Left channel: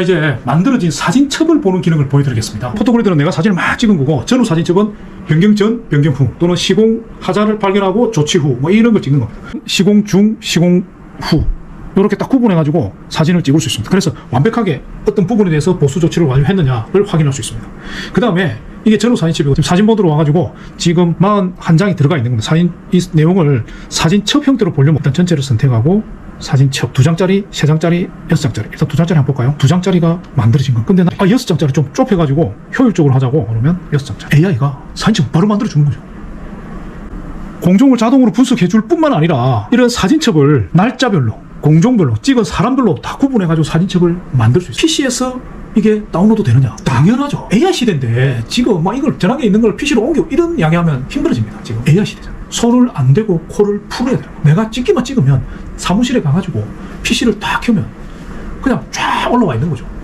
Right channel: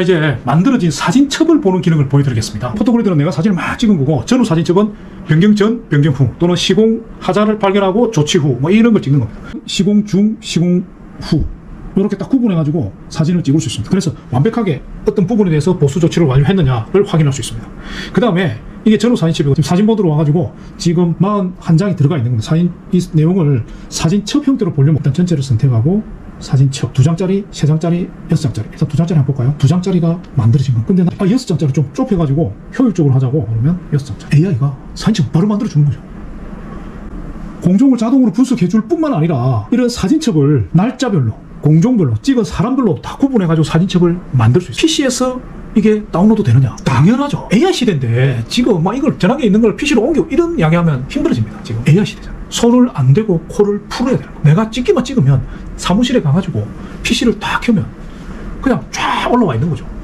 이제 만들어진 사진첩을 보는 기능을 보여드리겠습니다. 포토그래드는 내가 사진을 막 찍은 거고 전후 사진첩은 변경 전, 변경 후 또는 시공 하자를 발견하고 조치 후 뭐 이런 걸 찍는 거. 시공 중, 시공 후 이렇게 딱 구분해가지고 사진을 찍을 수 있습니다. 그래서 완벽하게 어떤 부분에 대해서 보수 조치를 완료했느냐를 확인할 수 있습니다. 그 다음에 이게 전후 사진첩이고 사진 모드로 와가지고 지금 41장이 들어가 있는 겁니다. 사진 이 내용을 사진첩 형태로 보려면 일단 전체를 선택하고 사진 첩 두 장짜리, 세 장짜리, 여섯 장짜리. 일단 두 장짜리 한번 볼까요? 두 장짜리가 만들어진 거. 근데 나 아, 여섯 장짜리 좀 좁혀가지고 효율적으로 하자고 그러면 여섯 장짜리. AI가 사진첩 바로 만들어 주는 거죠. 공종을 자동으로 분석해 줄 뿐만 아니라 이런 사진첩을 날짜별로 공종별로 찍은 사람별로 다 구분해가지고 사진첩을 만들 수 있어요. PC에서 이게 다운로드 되느냐? 당연하죠. AI 시대인데 지금 막 이걸 저랑에 있는 걸 PC로 옮겨 이런 이야기하면 힘들어집니다. 지금 AI 시대잖아 요. 손을 안 대고 코를 풀어야 돼요. 내가 찍기만 찍으면 사무실에 가가지고 PC를 딱 켜면 그냥 쫙 올라와 있는 거죠.